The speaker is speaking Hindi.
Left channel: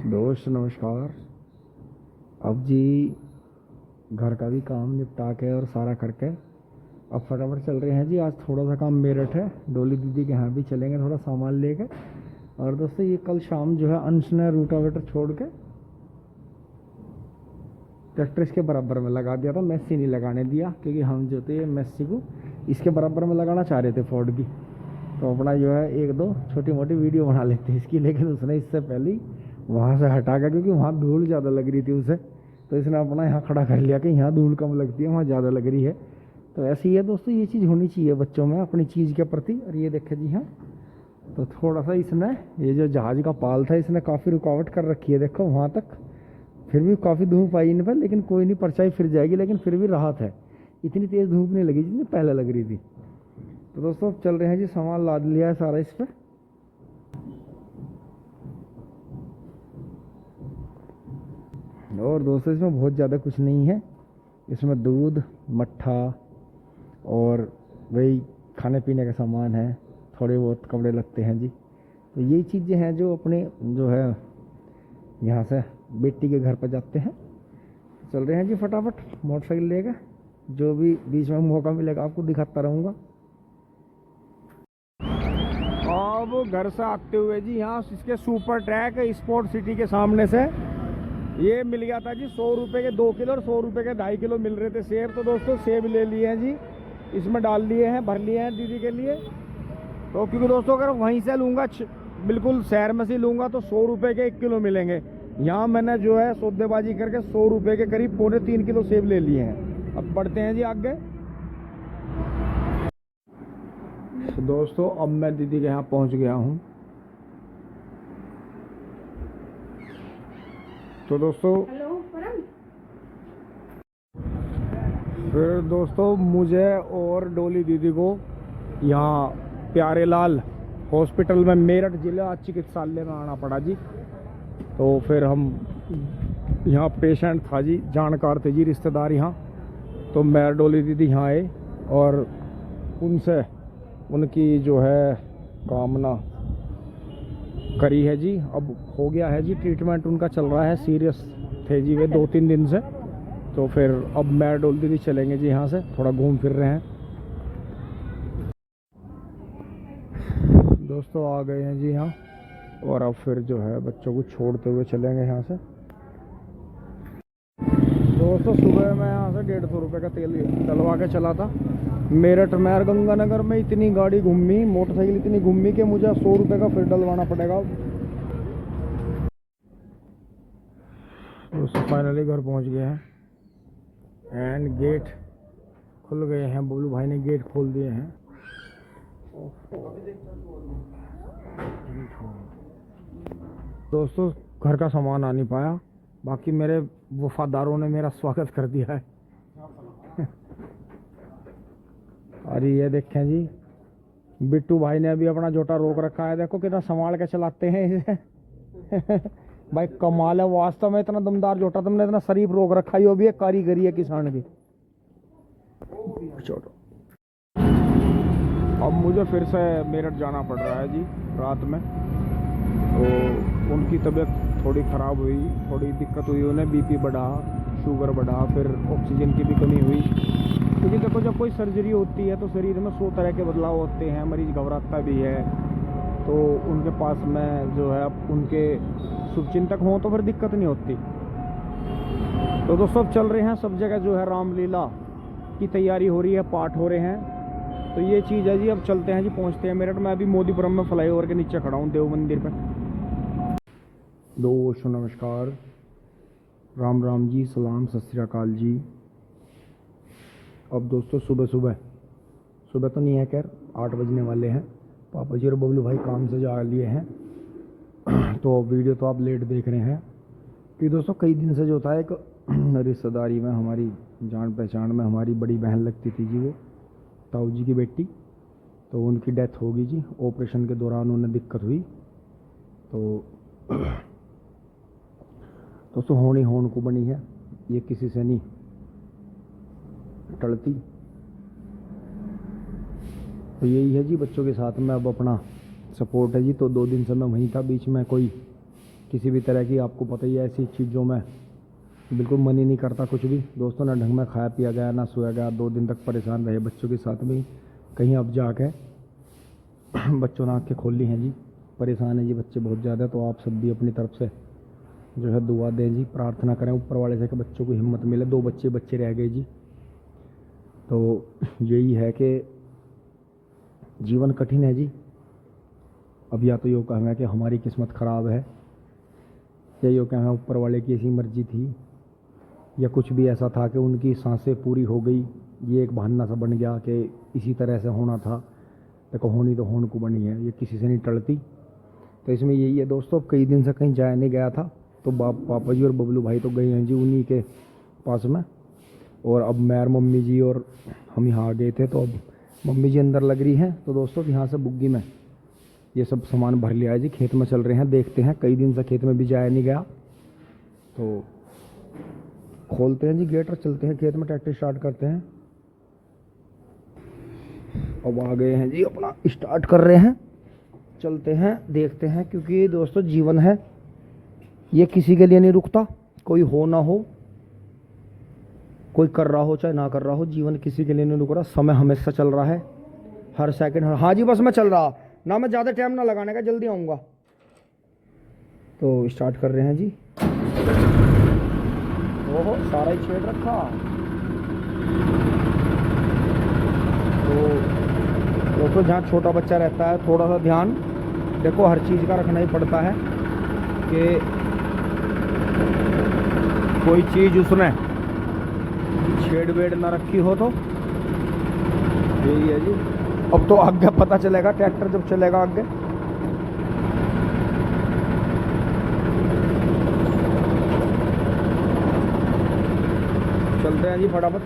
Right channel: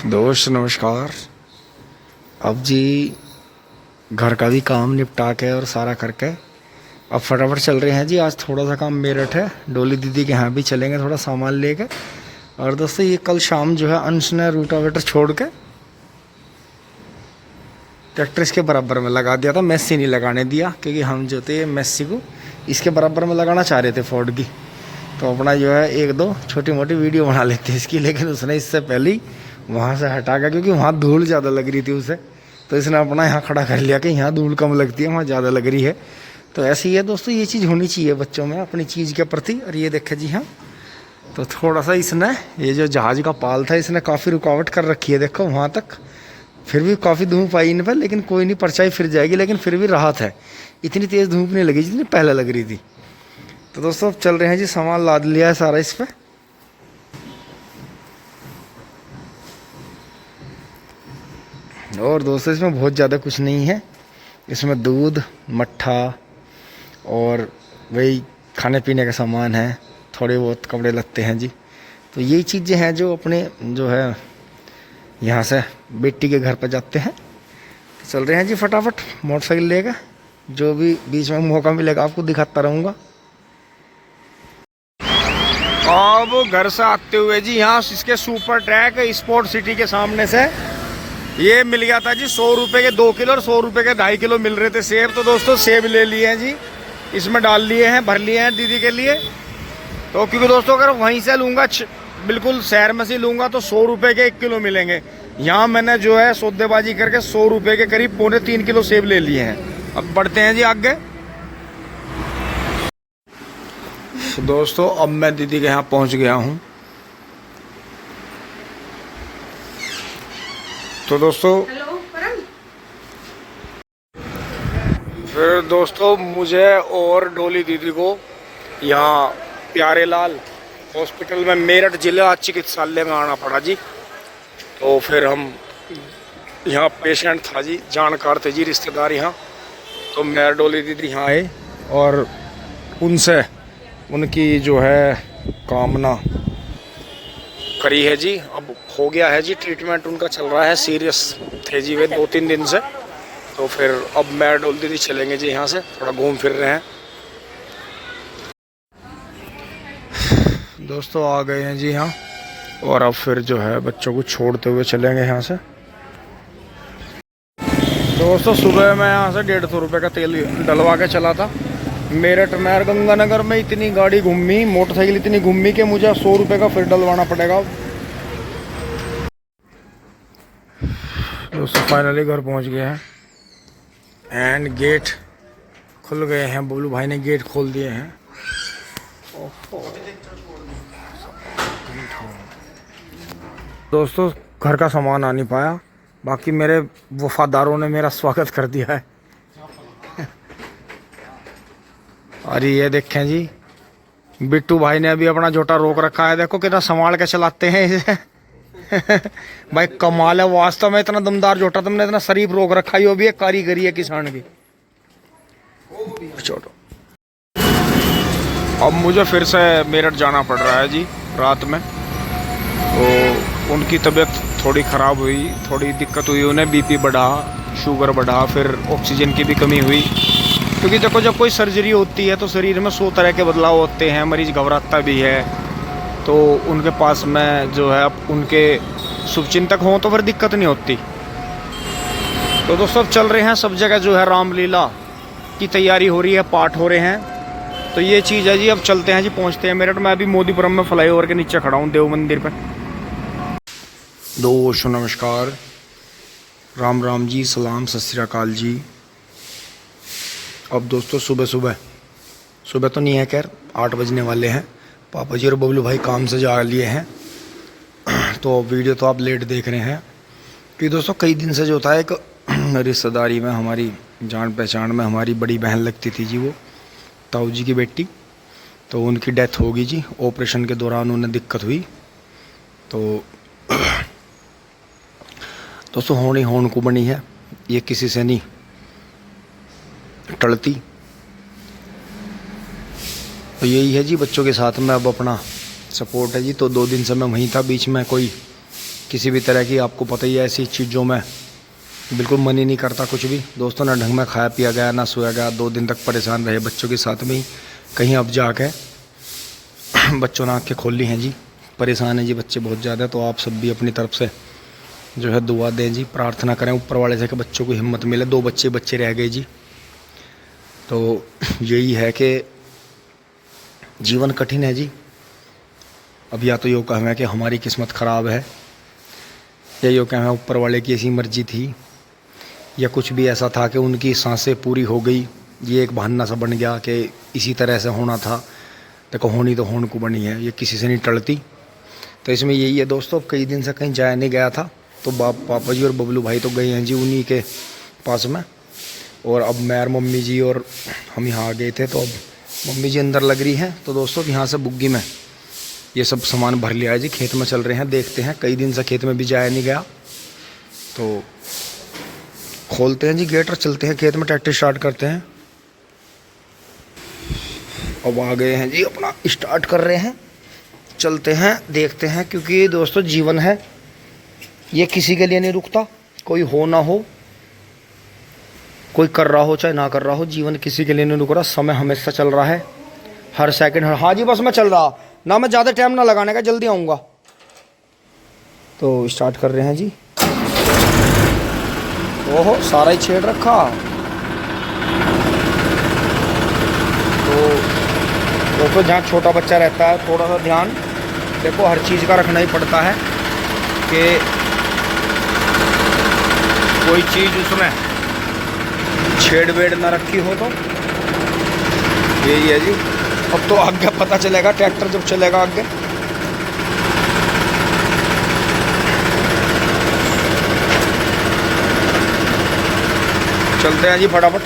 दोस्त नमस्कार। अब जी घर का भी काम निपटा के और सारा करके अब फटाफट चल रहे हैं जी। आज थोड़ा सा काम मेरठ है, डोली दीदी के यहाँ भी चलेंगे थोड़ा सामान लेके। और दोस्तों ये कल शाम जो है अंश ने रूटावेटर छोड़ के ट्रैक्टर इसके बराबर में लगा दिया था। मेस्सी नहीं लगाने दिया क्योंकि हम जो थे मेस्सी को इसके बराबर में लगाना चाह रहे थे फोर्ड की। तो अपना जो है एक दो छोटी मोटी वीडियो बना लेते हैं इसकी, लेकिन उसने इससे पहले ही वहाँ से हटा गया क्योंकि वहाँ धूल ज़्यादा लग रही थी उसे। तो इसने अपना यहाँ खड़ा कर लिया कि यहाँ धूल कम लगती है, वहाँ ज़्यादा लग रही है। तो ऐसे ही है दोस्तों, ये चीज़ होनी चाहिए बच्चों में अपनी चीज़ के प्रति। और ये देखे जी हाँ, तो थोड़ा सा इसने ये जो जहाज़ का पाल था इसने काफ़ी रुकावट कर रखी है, देखो वहाँ तक। फिर भी काफ़ी धूप आई इन पर, लेकिन कोई नहीं, परछाई फिर जाएगी, लेकिन फिर भी राहत है। इतनी तेज़ धूप नहीं लगी जितनी पहले लग रही थी। तो दोस्तों अब चल रहे हैं जी, सामान लाद लिया है सारा इस पर। और दोस्तों इसमें बहुत ज़्यादा कुछ नहीं है, इसमें दूध मट्ठा और वही खाने पीने का सामान है, थोड़े बहुत कपड़े लगते हैं जी। तो यही चीज़ें हैं जो अपने जो है यहाँ से बेटी के घर पर जाते हैं। तो चल रहे हैं जी फटाफट मोटरसाइकिल लेकर, जो भी बीच में मौका मिलेगा आपको दिखाता रहूँगा। अब घर से आते हुए जी यहाँ इसके सुपर ट्रैक स्पोर्ट सिटी के सामने से ये मिल गया था जी 100 रुपये के 2 किलो और 100 रुपये के 2.5 किलो मिल रहे थे सेब। तो दोस्तों सेब ले लिए हैं जी, इसमें डाल लिए हैं, भर लिए हैं दीदी के लिए। तो क्योंकि दोस्तों अगर वहीं से लूँगा बिल्कुल शहर में से लूँगा तो 100 रुपये के 1 किलो मिलेंगे। यहाँ मैंने जो है सौदेबाजी करके 100 रुपये के करीब 2.25 किलो सेब ले लिए हैं। अब बढ़ते हैं जी आगे। दोस्तों अब मैं दीदी के यहाँ पहुँच गया हूँ। तो दोस्तों फिर दोस्तों मुझे और डोली दीदी को यहाँ प्यारे लाल हॉस्पिटल में मेरठ जिला चिकित्सालय में आना पड़ा जी। तो फिर हम यहाँ पेशेंट था जी, जानकार थे जी रिश्तेदार यहाँ। तो मैं डोली दीदी यहाँ आए और उनसे उनकी जो है कामना करी है जी। अब हो गया है जी, ट्रीटमेंट उनका चल रहा है, सीरियस थे जी वे 2-3 दिन से। तो फिर अब मैं डोली दीदी चलेंगे जी यहाँ से, थोड़ा घूम फिर रहे हैं। दोस्तों आ गए हैं जी यहाँ, और अब फिर जो है बच्चों को छोड़ते हुए चलेंगे यहाँ से। दोस्तों सुबह मैं यहाँ से 150 रुपये का तेल डलवा के चला था मेरठ में। और गंगानगर में इतनी गाड़ी घूमी, मोटरसाइकिल इतनी घूमी कि मुझे 100 रुपये का फिर डलवाना पड़ेगा। दोस्तों फाइनली घर पहुँच गए हैं एंड गेट खुल गए हैं, बोलू भाई ने गेट खोल दिए हैं। दोस्तों घर का सामान आ नहीं पाया, बाकी मेरे वफादारों ने मेरा स्वागत कर दिया है। अरे ये देखें जी, बिट्टू भाई ने अभी अपना जोटा रोक रखा है, देखो कितना संभाल के चलाते हैं इसे। भाई कमाल है वास्तव में, इतना दमदार जोटा तुमने इतना शरीफ रोक रखा है, वो भी एक कारीगरी है किसान की। छोड़ो, अब मुझे फिर से मेरठ जाना पड़ रहा है जी रात में। तो उनकी तबीयत थोड़ी ख़राब हुई, थोड़ी दिक्कत हुई, उन्हें बीपी बढ़ा, शुगर बढ़ा, फिर ऑक्सीजन की भी कमी हुई। क्योंकि देखो जब कोई सर्जरी होती है तो शरीर में 100 तरह के बदलाव होते हैं, मरीज़ घबराता भी है। तो उनके पास में जो है अब उनके शुभचिंतक हों तो फिर दिक्कत नहीं होती। तो दोस्तों अब चल रहे हैं सब जगह जो है रामलीला की तैयारी हो रही है, पाठ हो रहे हैं। तो ये चीज़ है जी, अब चलते हैं जी, पहुंचते हैं मेरठ। मैं अभी मोदीपुरम में फ्लाईओवर के नीचे खड़ा हूँ, देव मंदिर पे। दोस्तों नमस्कार, राम राम जी, सलाम, सत श्री अकाल जी। अब दोस्तों सुबह तो नहीं है, खैर 8 बजने वाले हैं। पापा जी और बबलू भाई काम से जा लिए हैं। तो वीडियो तो आप लेट देख रहे हैं कि दोस्तों कई दिन से जो था एक रिश्तेदारी में, हमारी जान पहचान में हमारी बड़ी बहन लगती थी जी, वो ताऊ जी की बेटी। तो उनकी डेथ होगी जी, ऑपरेशन के दौरान उन्हें दिक्कत हुई। तो दोस्तों होनी होन को बनी है, ये किसी से नहीं टलती। तो यही है जी, बच्चों के साथ में अब अपना सपोर्ट है जी। तो 2 दिन से मैं वहीं था, बीच में कोई किसी भी तरह की, आपको पता ही है ऐसी चीज़ों में बिल्कुल मन ही नहीं करता कुछ भी दोस्तों, ना ढंग में खाया पिया गया ना सोया गया, 2 दिन तक परेशान रहे बच्चों के साथ में ही। कहीं अब जाके बच्चों ने आँखें खोल ली हैं जी, परेशान है जी बच्चे बहुत ज़्यादा। तो आप सब भी अपनी तरफ से जो है दुआ दें जी, प्रार्थना करें ऊपर वाले से कि बच्चों को हिम्मत मिले। 2 बच्चे रह गए जी। तो यही है कि जीवन कठिन है जी। अब या तो यो कहना है कि हमारी किस्मत ख़राब है, या यो कहना है ऊपर वाले की ऐसी मर्जी थी, या कुछ भी ऐसा था कि उनकी सांसें पूरी हो गई। ये एक बहाना सा बन गया कि इसी तरह से होना था। देखो होनी तो होने को बनी है, ये किसी से नहीं टलती। तो इसमें यही है दोस्तों, कई दिन से कहीं जाया नहीं गया था, तो पापा जी और बबलू भाई तो गए हैं जी उन्हीं के पास में। और अब मैं और मम्मी जी और हम यहाँ आ गए थे। तो अब मम्मी जी अंदर लग रही हैं। तो दोस्तों यहाँ से बुग्गी में ये सब सामान भर लिया है जी, खेत में चल रहे हैं, देखते हैं। कई दिन से खेत में भी जाया नहीं गया, तो खोलते हैं जी गेट और चलते हैं खेत में, ट्रैक्टर स्टार्ट करते हैं। अब आ गए हैं जी, अपना स्टार्ट कर रहे हैं, चलते हैं, देखते हैं। क्योंकि दोस्तों जीवन है, ये किसी के लिए नहीं रुकता, कोई हो ना हो, कोई कर रहा हो चाहे ना कर रहा हो, जीवन किसी के लिए नहीं रुक रहा। समय हमेशा चल रहा है, हर सेकंड। हाँ जी बस मैं चल रहा ना, मैं ज़्यादा टाइम ना लगाने का, जल्दी आऊँगा। तो स्टार्ट कर रहे हैं जी। ओहो सारा ही छेड़ रखा। तो दोस्तों जहाँ छोटा बच्चा रहता है थोड़ा सा ध्यान देखो हर चीज़ का रखना ही पड़ता है कि कोई चीज़ उसमें छेड़ वेड़ ना रखी हो। तो यही है जी। अब तो आगे पता चलेगा, ट्रैक्टर जब चलेगा आगे। चलते हैं जी फटाफट।